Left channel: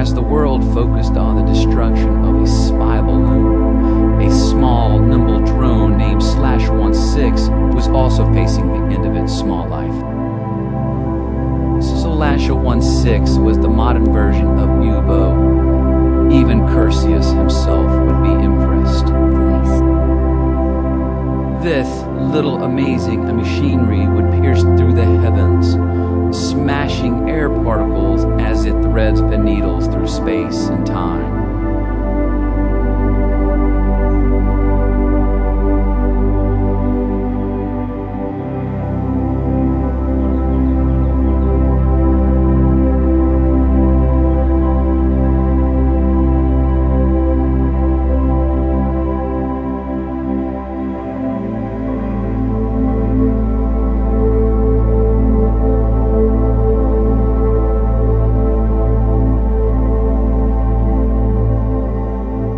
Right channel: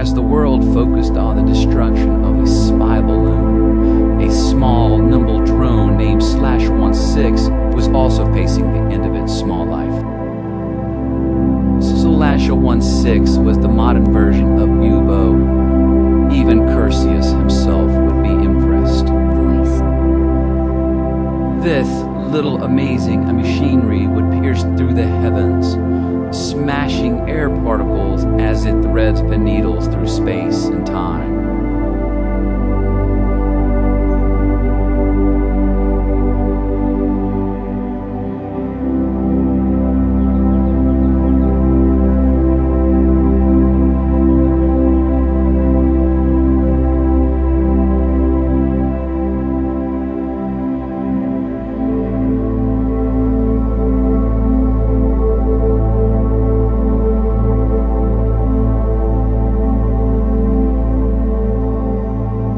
as the world focused on the destruction of a spy balloon, a small, nimble drone named /16 was also facing the end of its small life. /16 was the modern version of Bubo. Even Perseus himself would be impressed. Voice. This little amazing machinery would pierce through the heavens, smashing air particles as it threads the needles through space and time.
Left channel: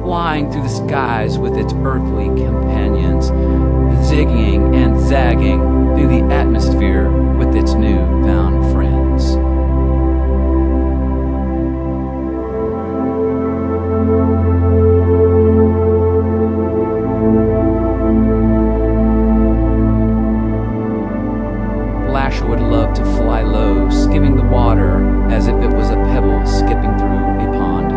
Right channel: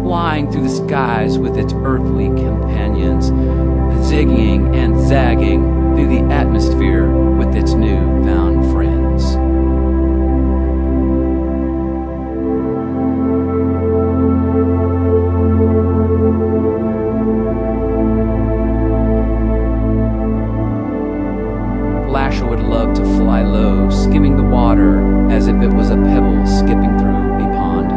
Flying through the skies with its earthly companions, zigging and zagging through the atmosphere with its new-found friends. Lasher would love to fly low, skimming the water as if it was a pebble skipping through a pond.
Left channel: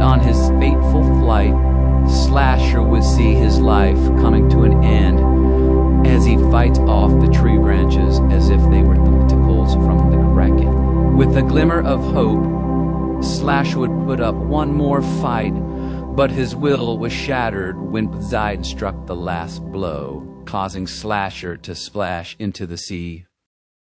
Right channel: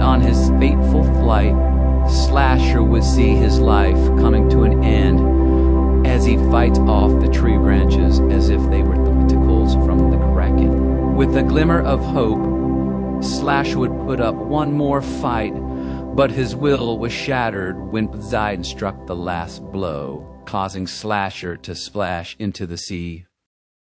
On his fateful flight, Slasher would see his life coming to an end as he fights off the tree branches as if they were tentacles from the Kraken. With a glimmer of hope, Slasher would put up one more fight, but his will was shattered when Poseidon struck the last blow, causing Slasher to splash into the sea